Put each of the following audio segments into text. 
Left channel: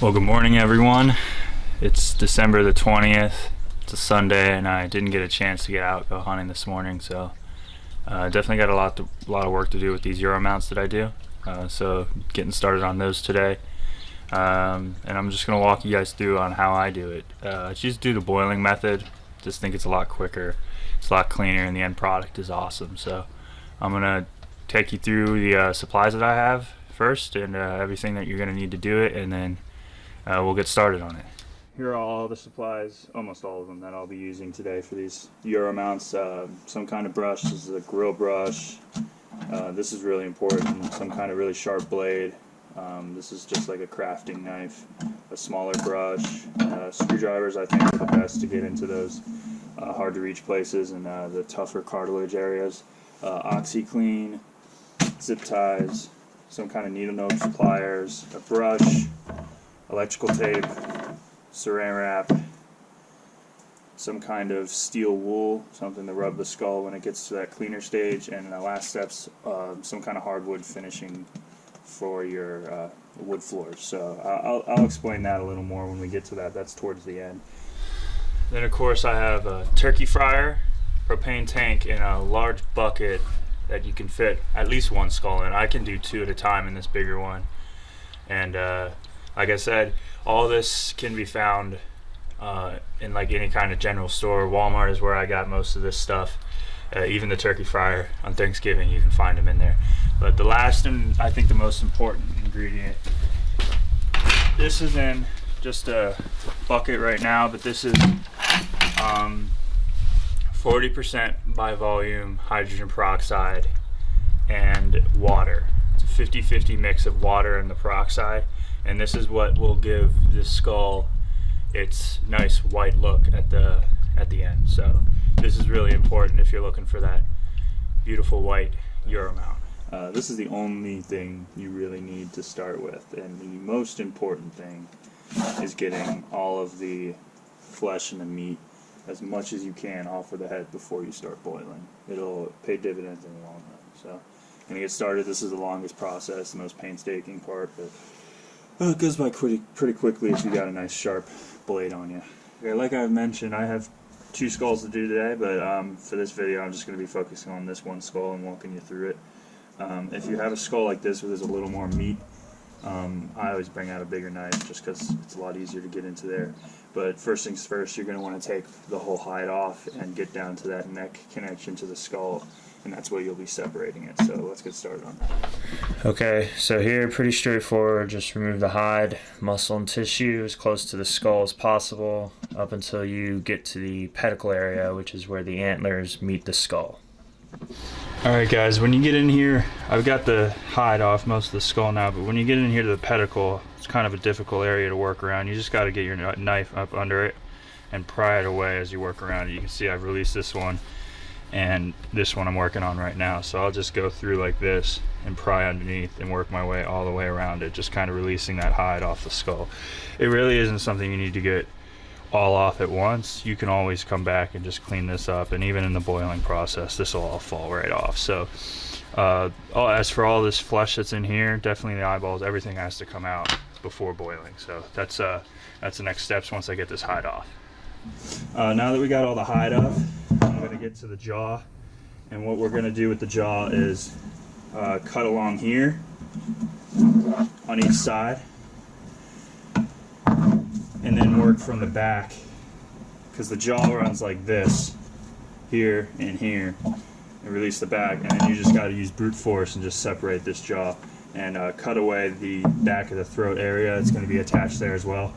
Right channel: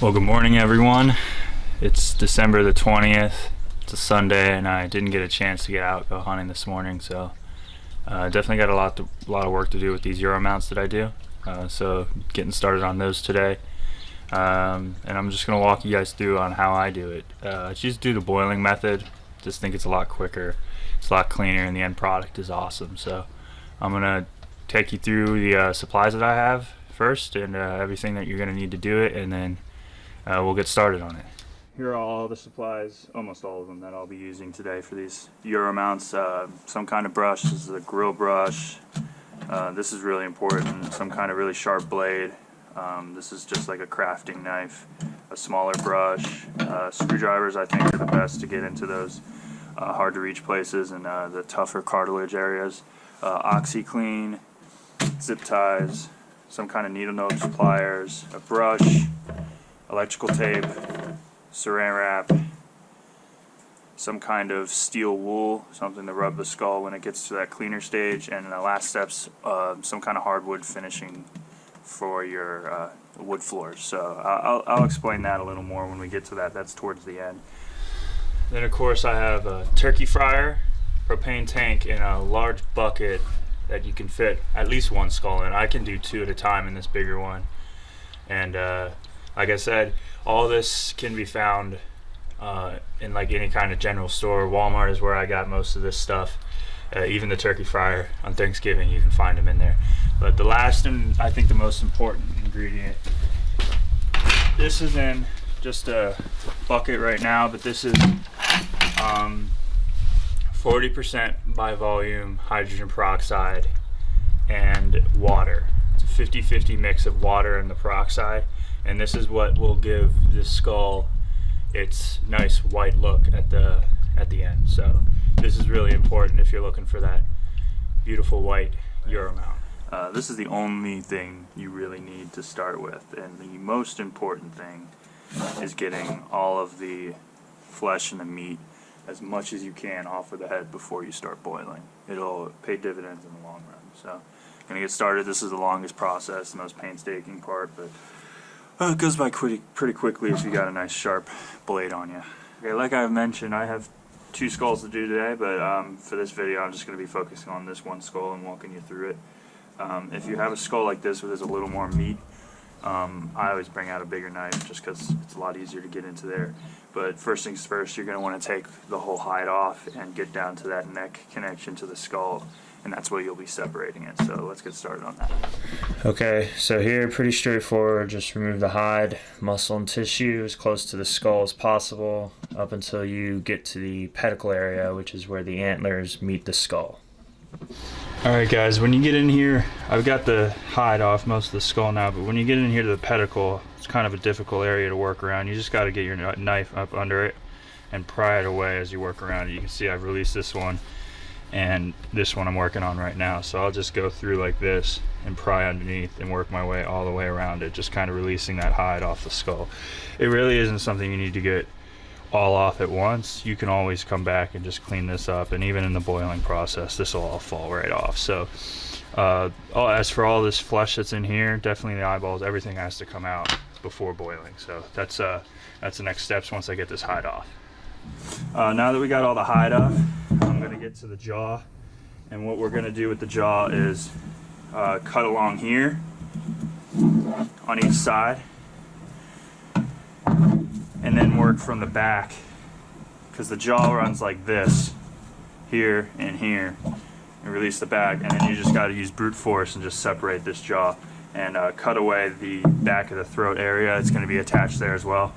Well, good morning, everyone. It's December the 20th. It's a Sunday, and I didn't get a chance to get out go hunting this morning, so definitely got a lot of work to do with these Euro mounts that I do. So getting started on those today, and I'm just gonna walk you guys through on how I do it. I just do the boiling method. Just think it's a lot quicker, it's a lot cleaner, and the end product is awesome. So I'm gonna take you through the supplies that I have first, and everything that you're gonna need to do it, and then we'll get started on it. Here are all the supplies, almost all of them, that I'll be using today for these Euro mounts. Some kind of brush. This is a grill brush. This is really important. Some kind of really sharp blade. This is just like a crafting knife. A smaller brush. Screwdrivers, I think, are the best to get into those hard to reach places and the tougher cartilage areas. Oxi Clean, zip ties, some kind of needle nose pliers, a brush, electrical tape, saran wrap, some kind of steel wool, something to rub the skull when it gets to that cleaner stage, and the last steps, some kind of hardwood finishing for your wood floors. So I'll explain that a little more when we get to that. That's towards the end. Then of course I have a turkey fryer, propane tank, and a large bucket that you can fit at least one skull in. I can do two at a time in this bigger one. And like I said, all this can be found in like any kind of general store. Walmart is where I got most of this stuff. Even the turkey fryer on Thanksgiving, you can find them in there. But the last and I think the most important ingredient, this is in just a bucket right now, but this is 40% by volume hydrogen peroxide and water. It's a 50-50 mix of water and the peroxide. And this is what will give this skull its nice white look at the end. So this is really important if you're looking for that beautiful white Euro mount. This is the only thing you really need to start with, and the most important thing is getting all of the flesh and the meat as much as you can off of the head before you start boiling. It'll pay dividends in the long run. So gonna get started. This is the longest process, the most painstaking part, but it goes by pretty quickly if you got a nice sharp blade on you. Okay, like I mentioned, I have two skulls to do today, but for this video I'm just going to be focusing on this one skull and walking you through it. If you have a skull like this where there's a little more meat, I always bring out a bigger knife just because it's a lot easier to get into there. But first things first, you're going to want to take the whole hide off and get down to that neck connection to the skull, and that's where you'll be separating it. So let's get started on that. Okay, so here, pretty straightforward. Just remove the hide, muscle, and tissue as close to the skull as possible up until you get to the pedicle area, which is where the antlers meet the skull. Alright guys, when you get in here, I've got the hide off most of the skull now, but when you get in here to the pedicle, it's kind of a difficult area to work around. You just got to get your knife up under it and pry it away as you work around it. You can see I've released this one, and this one I'm working on right now. So I'll just go through like this and pry underneath and work my way all the way around it, just kind of releasing that hide off the skull. It really isn't something you need to get all off at once. You can always come back and just clean this up, and even in the boiling process this will all fall right off. So as for all this flesh that's in here, definitely the eyeballs, everything has to come out before boiling. So that's the next steps once I get this hide off. Now that we got all the hide off, I'm going to get to the jaw, and what we're going to do with the jaw is cut along here on each side, and then work from the back, because the jaw runs like this, here and here, and release the back, and then you just got to use brute force and just separate this jaw and cut away the back of the throat area. It's going to be attached there as well,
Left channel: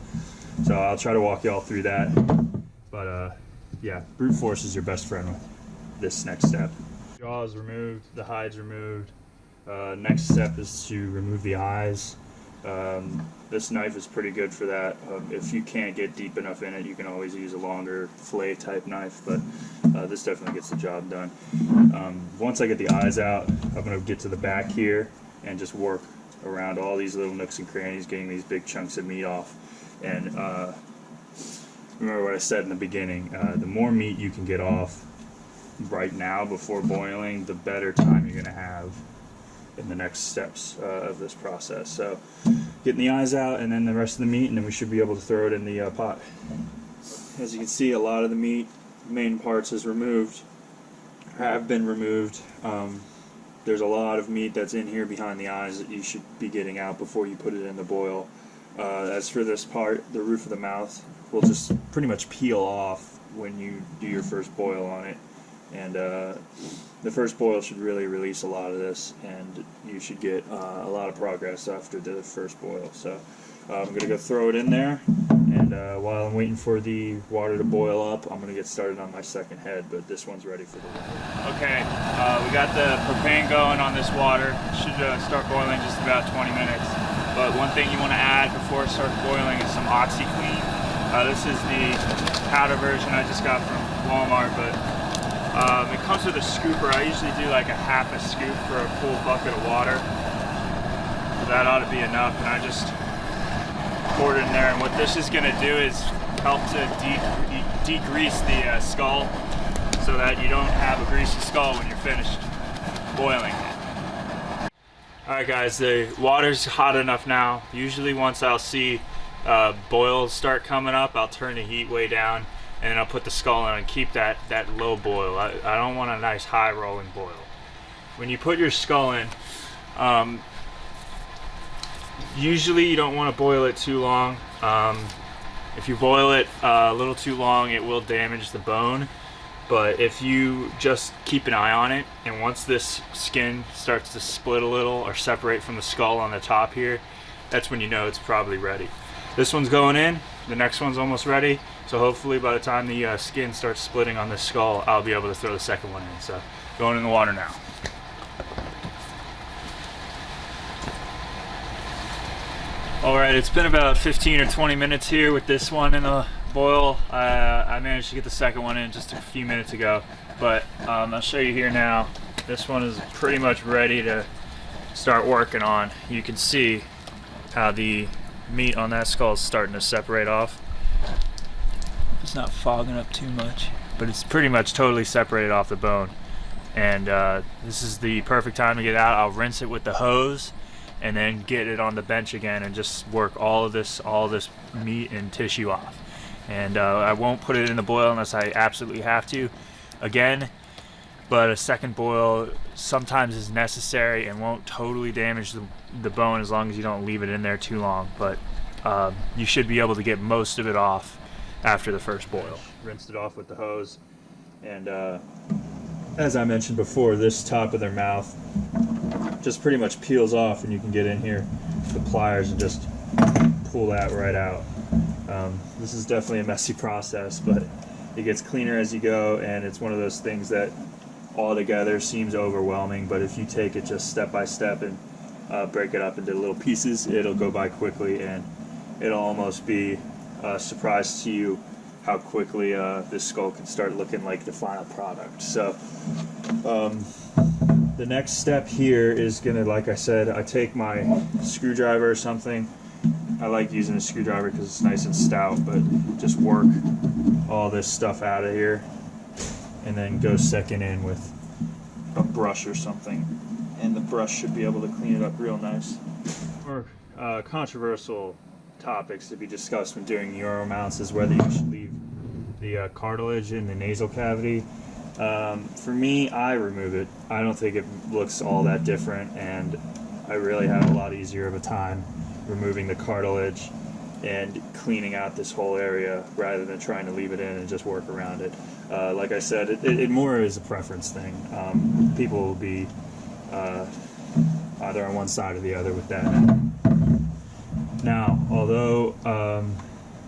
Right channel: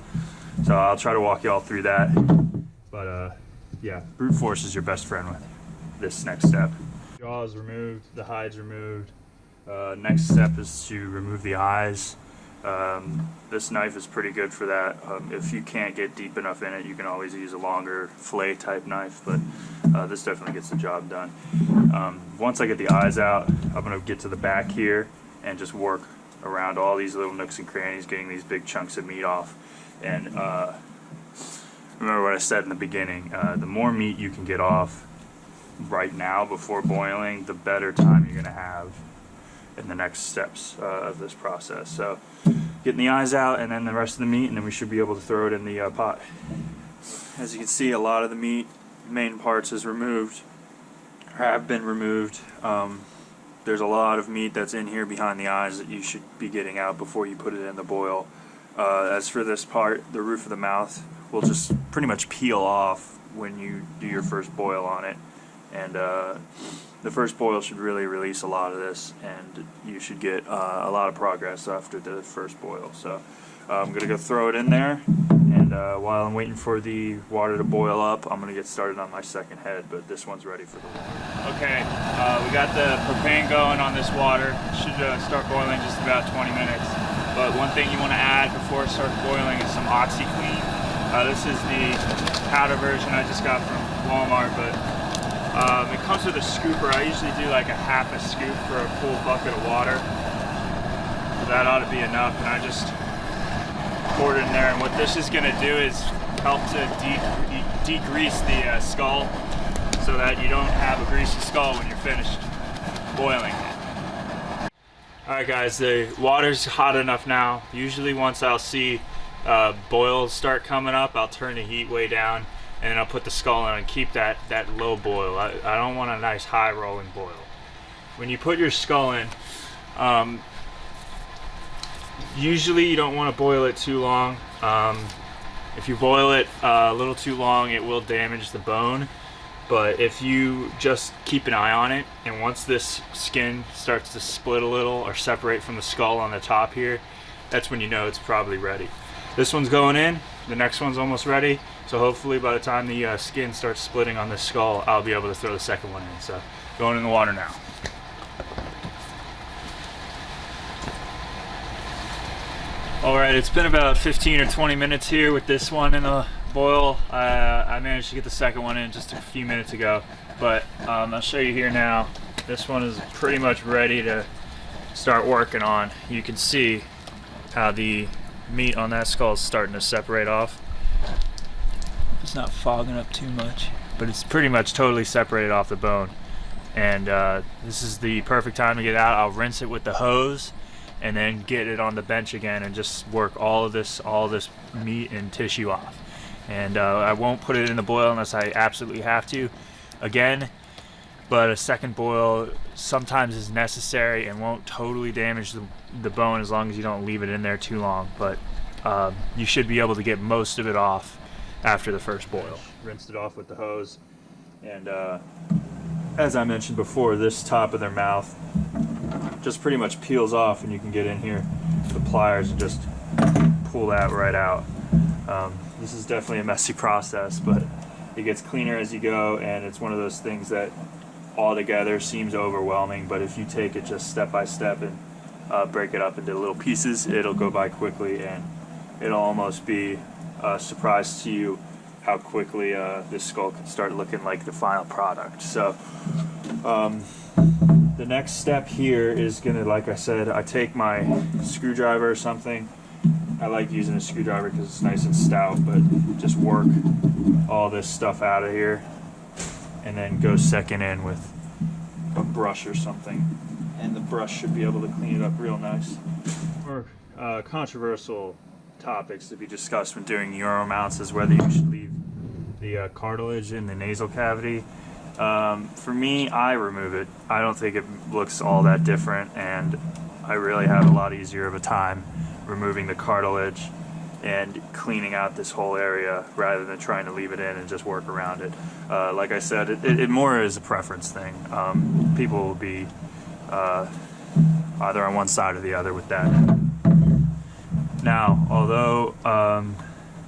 so I'll try to walk you all through that. But yeah, brute force is your best friend with this next step. Jaw is removed, the hide's removed. Next step is to remove the eyes. This knife is pretty good for that. If you can't get deep enough in it, you can always use a longer fillet type knife, but this definitely gets the job done. Once I get the eyes out, I'm going to get to the back here and just work around all these little nooks and crannies, getting these big chunks of meat off. And remember what I said in the beginning, the more meat you can get off right now before boiling, the better time you're going to have in the next steps of this process. So getting the eyes out and then the rest of the meat, and then we should be able to throw it in the pot. As you can see, a lot of the meat, main parts, is removed, or have been removed. There's a lot of meat that's in here behind the eyes that you should be getting out before you put it in the boil. As for this part, the roof of the mouth will just pretty much peel off when you do your first boil on it. And the first boil should really release a lot of this, and you should get a lot of progress after the first boil. So I'm going to go throw it in there, and while I'm waiting for the water to boil up, I'm going to get started on my second head, but this one's ready for the water. Okay, we got the propane going on this water. It should start boiling in just about 20 minutes. But one thing you want to add before it starts boiling is some Oxi Clean. This is the powder version I just got from Walmart, but it comes with a scooper. I usually do like a half a scoop for a full bucket of water. So that ought to be enough, and I just poured it in there. And what this is going to do is help to degrease the skull, so that you don't have a greasy skull when you're finished boiling it. Alright guys, the water's hot enough now. Usually once I'll see boils start coming up, I'll turn the heat way down, and then I'll put the skull in and keep that low boil. I don't want a nice high rolling boil. When you put your skull in, usually you don't want to boil it too long. If you boil it a little too long, it will damage the bone. But if you just keep an eye on it, and once this skin starts to split a little or separate from the skull on the top here, that's when you know it's probably ready. This one's going in, the next one's almost ready, so hopefully by the time the skin starts splitting on this skull, I'll be able to throw the second one in. So going in the water now. Alright, it's been about 15 or 20 minutes here with this one in the boil. I managed to get the second one in just a few minutes ago, but I'll show you here now. This one is pretty much ready to start working on. You can see how the meat on that skull is starting to separate off. It's not fogging up too much, but it's pretty much totally separated off the bone. And this is the perfect time to get out. I'll rinse it with the hose and then get it on the bench again and just work all of this meat and tissue off. And I won't put it in the boil unless I absolutely have to again, but a second boil sometimes is necessary and won't totally damage the bone as long as you don't leave it in there too long. But you should be able to get most of it off after the first boil. Rinsed it off with the hose, and as I mentioned before, this top of their mouth just pretty much peels off, and you can get in here with the pliers and just pull that right out. This is definitely a messy process, but it gets cleaner as you go, and it's one of those things that altogether seems overwhelming, but if you take it just step by step and break it up into little pieces, it'll go by quickly, and it'll almost be a surprise to you how quickly this skull can start looking like the final product. So the next step here is gonna, like I said, I take my screwdriver or something. I like using a screwdriver because it's nice and stout, but just work all this stuff out of here and then go second in with a brush or something, and the brush should be able to clean it up real nice. More controversial topics to be discussed when doing euro mounts is whether you should leave the cartilage in the nasal cavity. For me, I remove it. I don't think it looks all that different, and I really have a lot easier of a time removing the cartilage and cleaning out this whole area rather than trying to leave it in and just work around it. Like I said, it more is a preference thing. People will be either on one side or the other with that. Now, although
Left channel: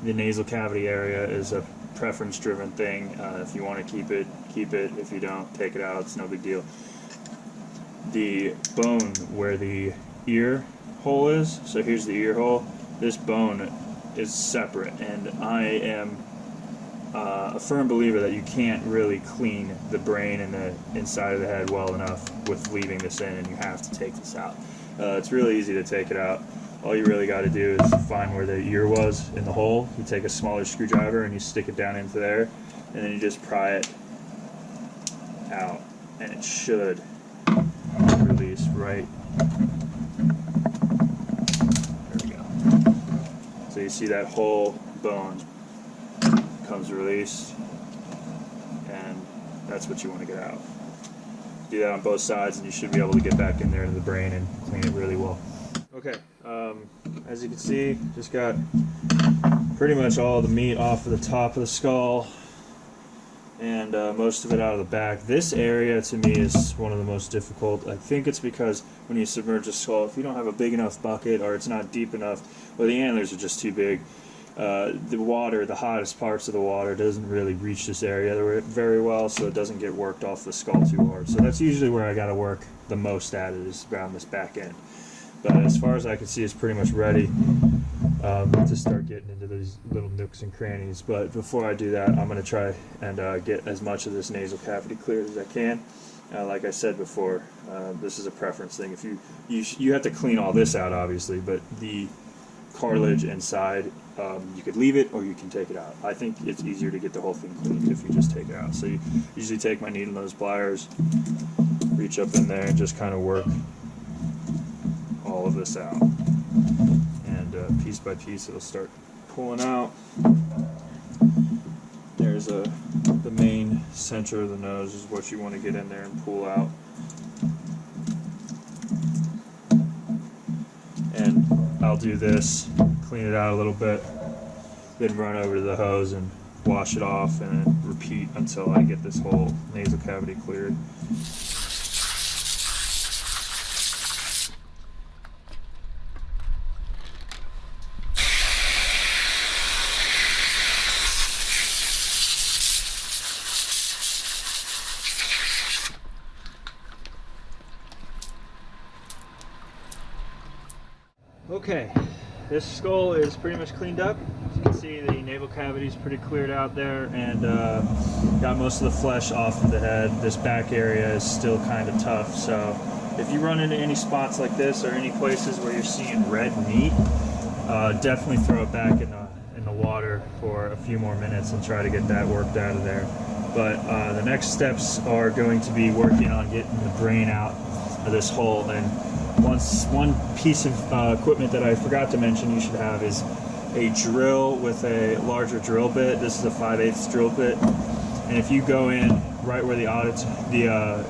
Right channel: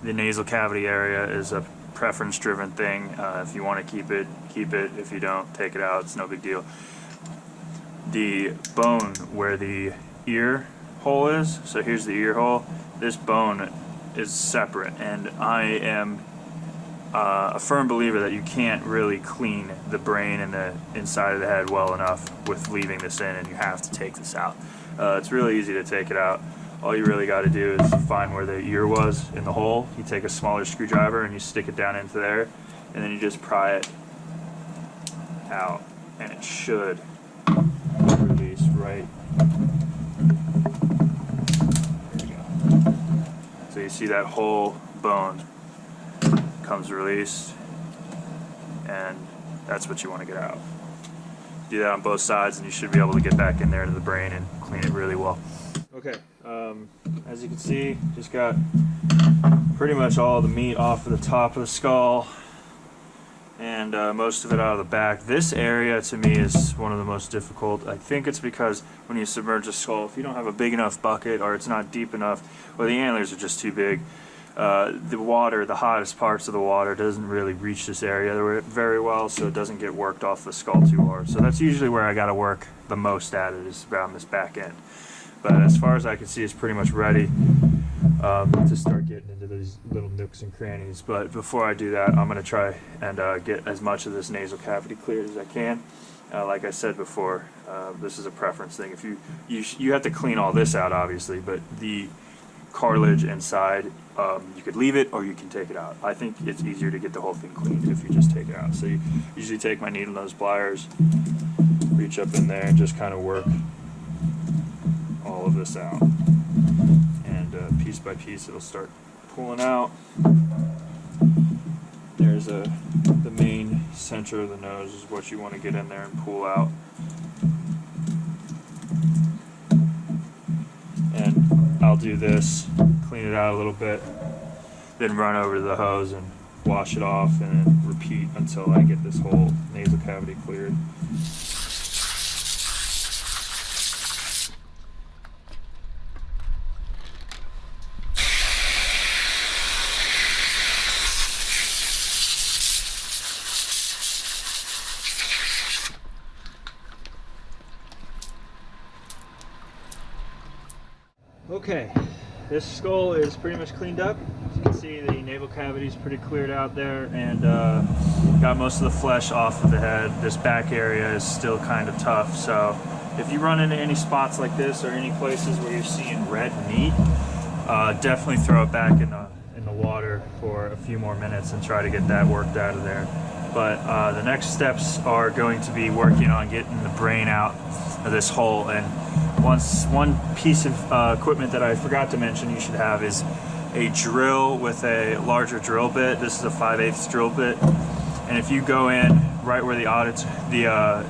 the nasal cavity area is a preference driven thing, if you want to keep it, keep it. If you don't, take it out. It's no big deal. The bone where the ear hole is, so here's the ear hole, this bone is separate, and I am a firm believer that you can't really clean the brain and the inside of the head well enough with leaving this in, and you have to take this out. It's really easy to take it out. All you really got to do is find where the ear was in the hole. You take a smaller screwdriver and you stick it down into there, and then you just pry it out, and it should release right So you see that whole bone comes released, and that's what you want to get out. Do that on both sides and you should be able to get back in there to the brain and clean it really well. Okay, as you can see, just got pretty much all the meat off of the top of the skull and most of it out of the back. This area to me is one of the most difficult. I think it's because when you submerge a skull, if you don't have a big enough bucket or it's not deep enough or the antlers are just too big, the water, the hottest parts of the water, doesn't really reach this area very well, so it doesn't get worked off the skull too hard. So that's usually where I got to work the most at it, is around this back end. But as far as I can see, it's pretty much ready to start getting into these little nooks and crannies. But before I do that, I'm going to try and get as much of this nasal cavity cleared as I can. Like I said before, this is a preference thing. If you have to clean all this out, obviously, but the cartilage inside, you could leave it or you can take it out. I think it's easier to get the whole thing cleaned if you just take it out. So you usually take my needle nose pliers, reach up in there and just kind of work all of this out, and piece by piece it'll start pulling out. There's the main center of the nose is what you want to get in there and pull out. And I'll do this, clean it out a little bit, then run over to the hose and wash it off, and then repeat until I get this whole nasal cavity cleared. Okay, this skull is pretty much cleaned up. As you can see, the navel cavity is pretty cleared out there, and got most of the flesh off of the head. This back area is still kind of tough, so if you run into any spots like this or any places where you're seeing red meat, definitely throw it back in the water for a few more minutes and try to get that worked out of there. But the next steps are going to be working on getting the brain out of this hole. And one piece of equipment that I forgot to mention you should have is a drill with a larger drill bit. This is a 5/8 drill bit, and if you go in right where the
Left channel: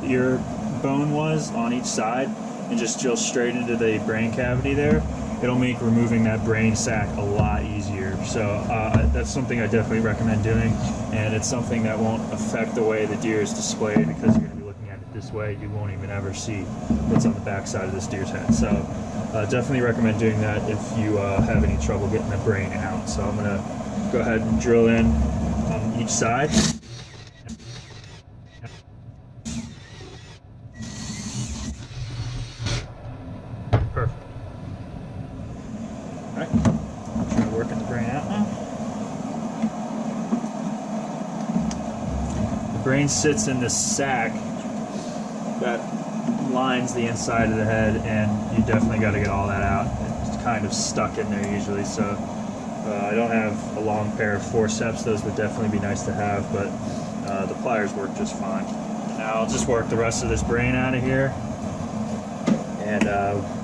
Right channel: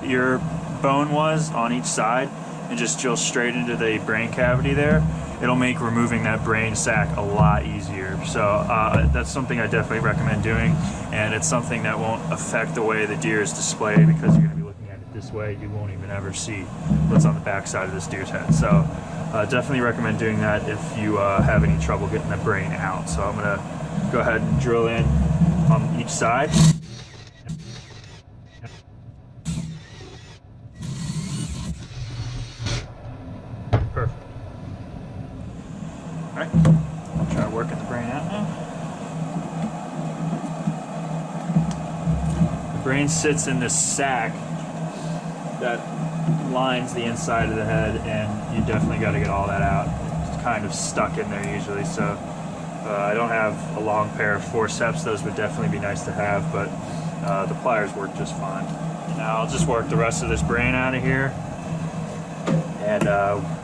ear bone was on each side and just drill straight into the brain cavity there, it'll make removing that brain sac a lot easier. So that's something I definitely recommend doing, and it's something that won't affect the way the deer is displayed, because you're going to be looking at it this way. You won't even ever see what's on the back side of this deer's head. So definitely recommend doing that if you have any trouble getting the brain out. So I'm going to go ahead and drill in on each side. Perfect. Alright, try working the brain out now. The brain sits in this sac that lines the inside of the head, and you definitely got to get all that out. It's kind of stuck in there usually, so I don't have a long pair of forceps. Those would definitely be nice to have, but the pliers work just fine. Now I'll just work the rest of this brain out of here and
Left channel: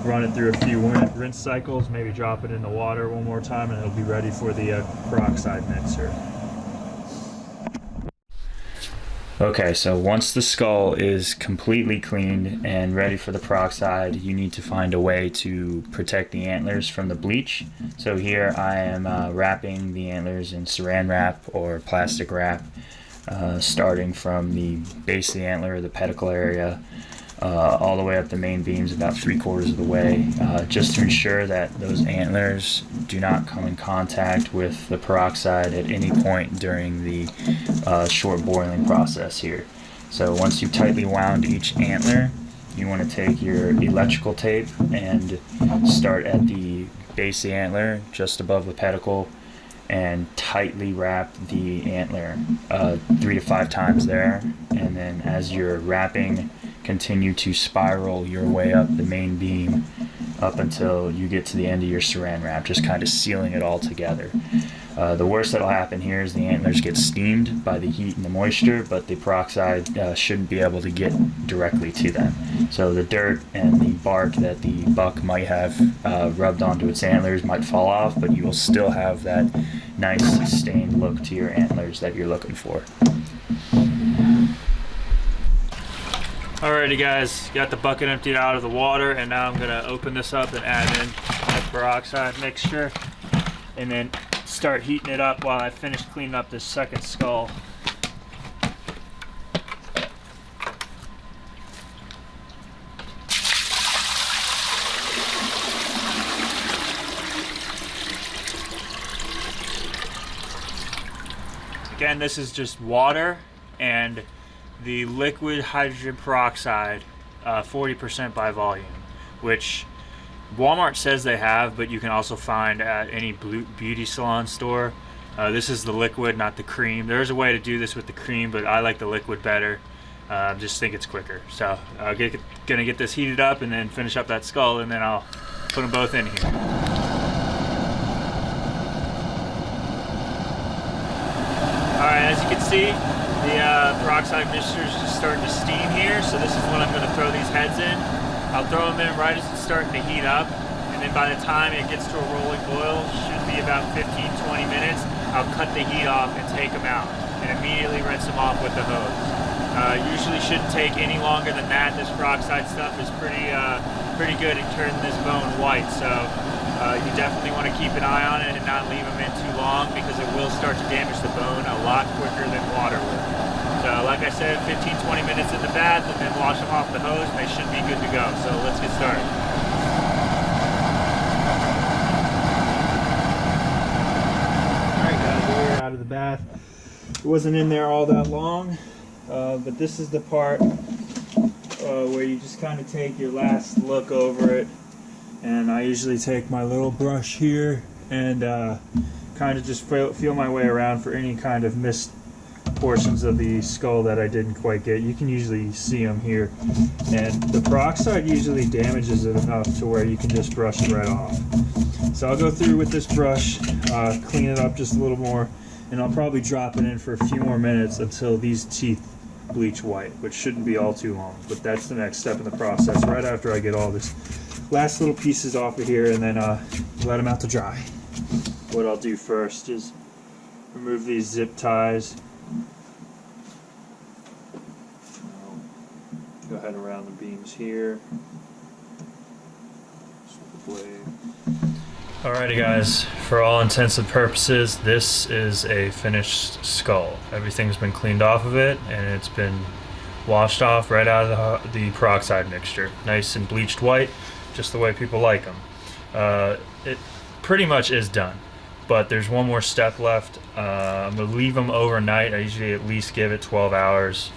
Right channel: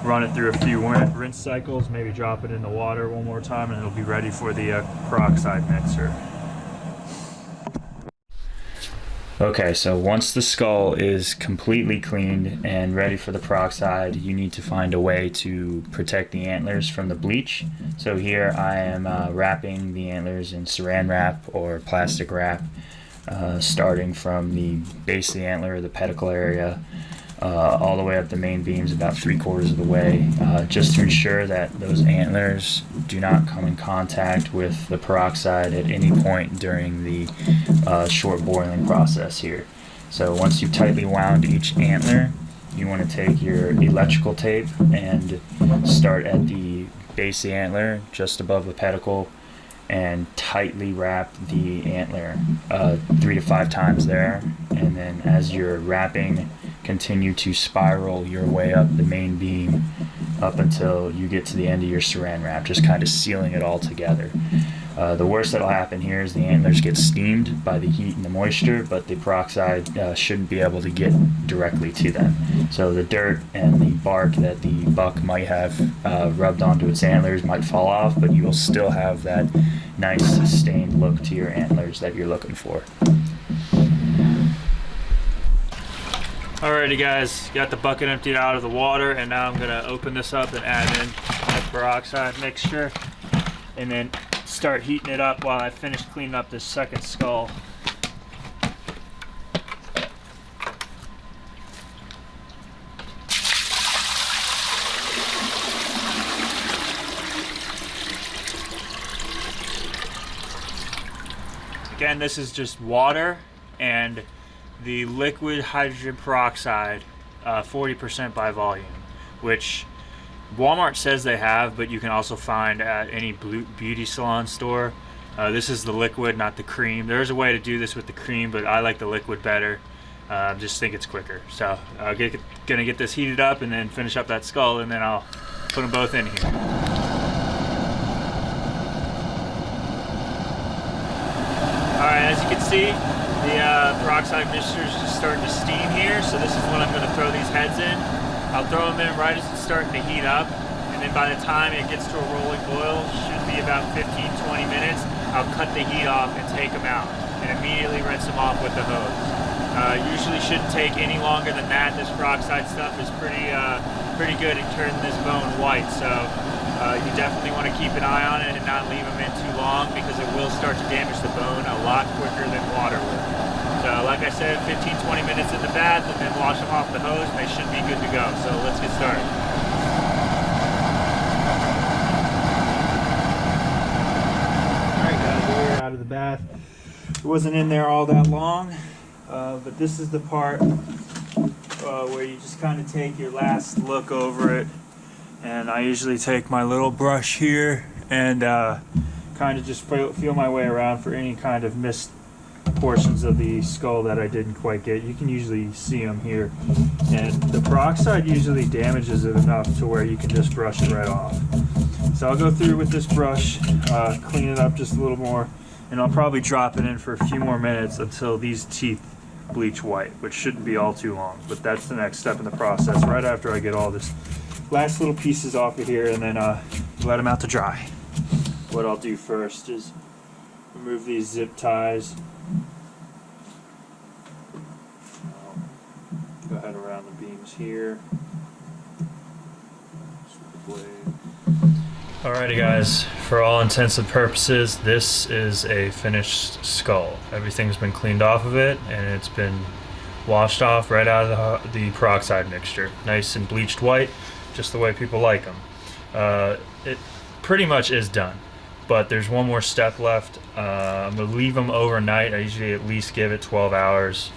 run it through a few rinse cycles, maybe drop it in the water one more time, and it'll be ready for the peroxide mixer. Okay, so once the skull is completely cleaned and ready for the peroxide, you need to find a way to protect the antlers from the bleach. So here I am wrapping the antlers in saran wrap or plastic wrap, starting from the base of the antler, the pedicle area, all the way up the main beams about 3/4 of the way, just to ensure that those antlers do not come in contact with the peroxide at any point during the short boiling process here. So once you've tightly wound each antler, you want to take your electrical tape and start at the base of the antler just above the pedicle and tightly wrap the antler 3 to 5 times there, and then as you're wrapping, continue to spiral your way up the main beam up until you get to the end of your saran wrap, just kind of sealing it all together. The worst that'll happen here is the antlers get steamed by the heat and the moisture, but the peroxide shouldn't be able to get directly to them. So the dirt and the bark that the buck might have rubbed onto its antlers might fall off, but you will still have that nice sustained look to your antlers that you're looking for. Alrighty guys, got the bucket emptied out of the water, and now I'm gonna open this up and add in the peroxide mixture and then start heating it up while I finish cleaning up this second skull. Again, this is just water and the liquid hydrogen peroxide, 40% by volume, which Walmart says they have, but you can also find at any beauty salon store. This is the liquid, not the cream. There's a way to do this with the cream, but I like the liquid better. Just think it's quicker. So I'm gonna get this heated up and then finish up that skull, and then I'll put them both in here. Alright, as you can see, the peroxide mixture is just starting to steam here, so this is when I'm going to throw these heads in. I'll throw them in right as it's starting to heat up, and then by the time it gets to a rolling boil, should be about 15-20 minutes, I'll cut the heat off and take them out, and immediately rinse them off with the hose. Usually shouldn't take any longer than that. This peroxide stuff is pretty good at turning this bone white, so you definitely want to keep an eye on it and not leave them in too long, because it will start to damage the bone a lot quicker than water will. So like I said, 15-20 minutes in the bath, and then wash them off the hose, and they should be good to go. So let's get started. Alright guys, we're out of the bath. It wasn't in there all that long, but this is the part where you just kind of take your last look over it. And I usually take my little brush here and kind of just feel my way around for any kind of missed portions of the skull that I didn't quite get. You can usually see them here, and the peroxide usually damages it enough to where you can just brush it right off. So I'll go through with this brush, clean it up just a little more, and I'll probably drop it in for a few more minutes until these teeth bleach white, which shouldn't be all too long, but that's the next step in the process, right after I get all this last little pieces off of here, and then let them out to dry. What I'll do first is remove these zip ties. Go ahead around the beams here. With the blade. Alrighty guys, for all intents and purposes, this is a finished skull. Everything's been cleaned off of it, and it's been washed off right out of the peroxide mixture. Nice and bleached white, just the way people like them. It pretty much is done, but there's one more step left. I'm going to leave them overnight. I usually at least give it 12 hours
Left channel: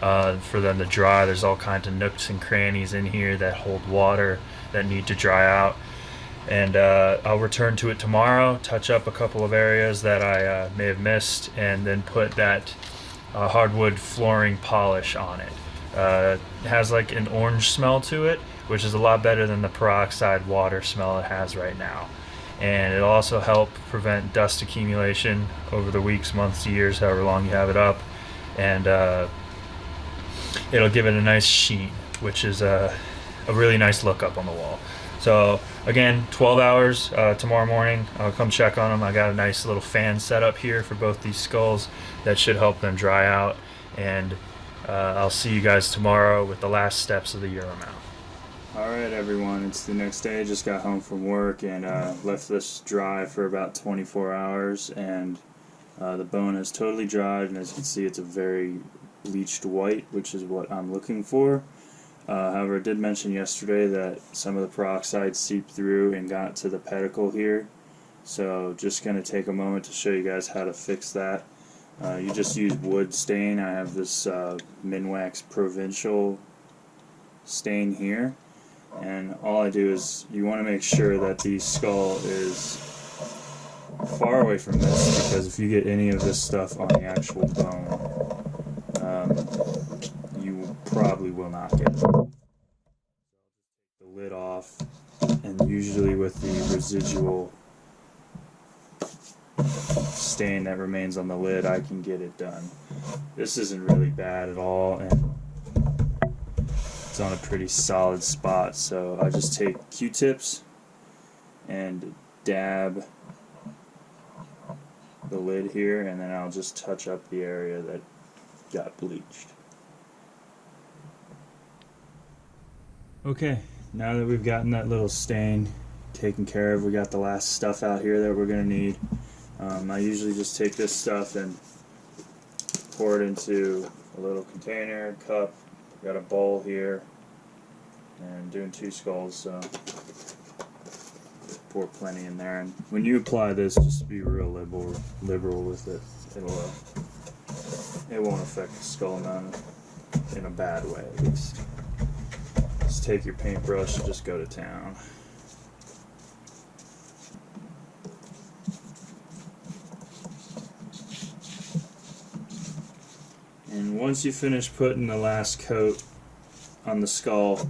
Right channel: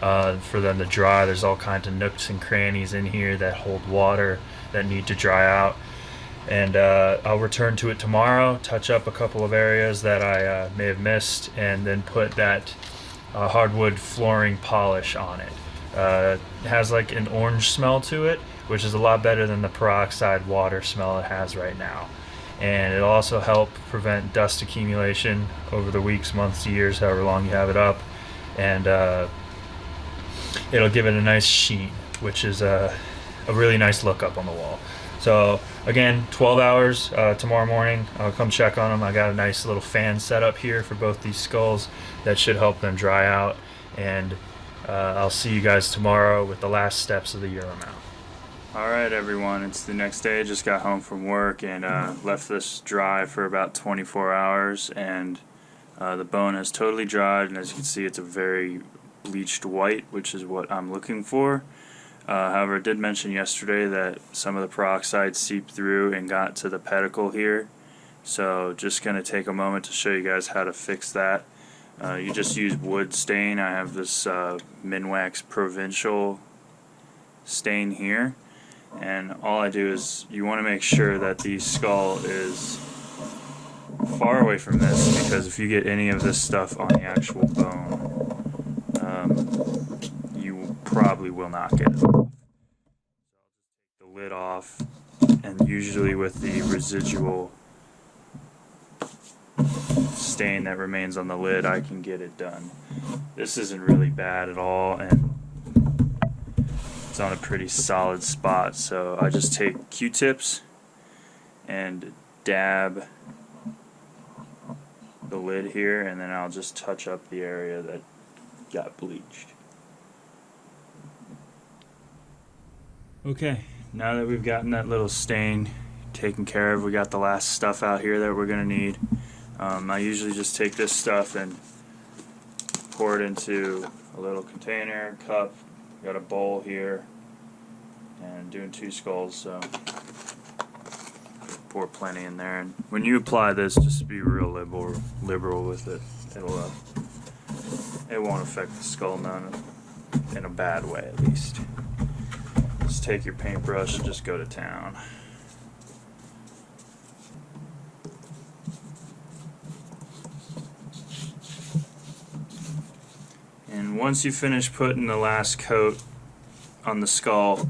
for them to dry. There's all kinds of nooks and crannies in here that hold water that need to dry out. And I'll return to it tomorrow, touch up a couple of areas that I may have missed, and then put that hardwood flooring polish on it. It has like an orange smell to it, which is a lot better than the peroxide water smell it has right now. And it'll also help prevent dust accumulation over the weeks, months, years, however long you have it up. And it'll give it a nice sheen, which is a really nice look up on the wall. So again, 12 hours tomorrow morning. I'll come check on them. I got a nice little fan set up here for both these skulls that should help them dry out. And I'll see you guys tomorrow with the last steps of the Euro mount. Alright everyone, it's the next day. Just got home from work and left this dry for about 24 hours, and the bone has totally dried, and as you can see it's a very bleached white, which is what I'm looking for. However, I did mention yesterday that some of the peroxide seeped through and got to the pedicle here, so just going to take a moment to show you guys how to fix that. You just use wood stain. I have this Minwax Provincial stain here, and all I do is you want to make sure that the skull is far away from this, because if you get any of this stuff on the actual bone, you probably will not get it off. The lid off, and usually with the residual stain that remains on the lid, I can get it done. This isn't really bad at all, and it's on a pretty solid spot, so I just take Q-tips and dab the lid here, and then I'll just touch up the area that got bleached. Okay, now that we've gotten that little stain taken care of, we got the last stuff out here that we're going to need. I usually just take this stuff and pour it into a little container, cup. Got a bowl here, and doing 2 skulls, so pour plenty in there. And when you apply this, just be real liberal with it. It won't affect the skull none in a bad way, at least. Just take your paintbrush and just go to town. And once you finish putting the last coat on the skull,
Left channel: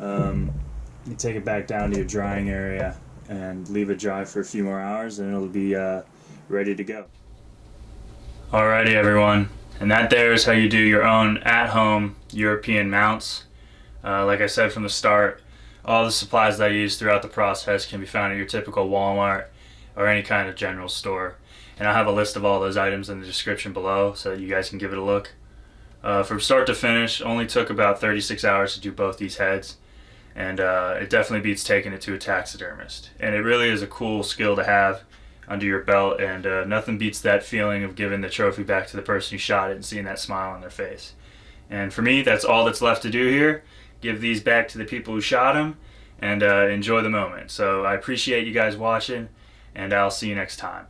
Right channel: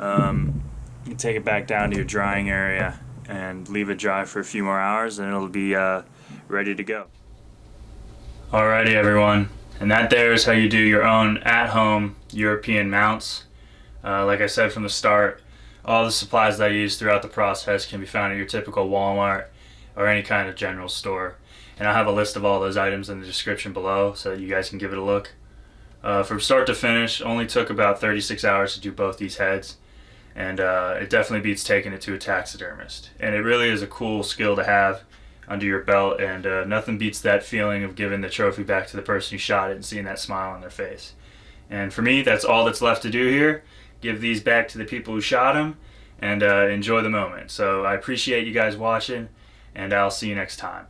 you take it back down to your drying area and leave it dry for a few more hours, and it'll be ready to go. Alrighty everyone, and that there is how you do your own at-home European mounts. Like I said from the start, all the supplies that I use throughout the process can be found at your typical Walmart or any kind of general store. And I'll have a list of all those items in the description below so that you guys can give it a look. From start to finish, only took about 36 hours to do both these heads, and it definitely beats taking it to a taxidermist. And it really is a cool skill to have under your belt, and nothing beats that feeling of giving the trophy back to the person who shot it and seeing that smile on their face. And for me, that's all that's left to do here. Give these back to the people who shot them, and enjoy the moment. So I appreciate you guys watching, and I'll see you next time.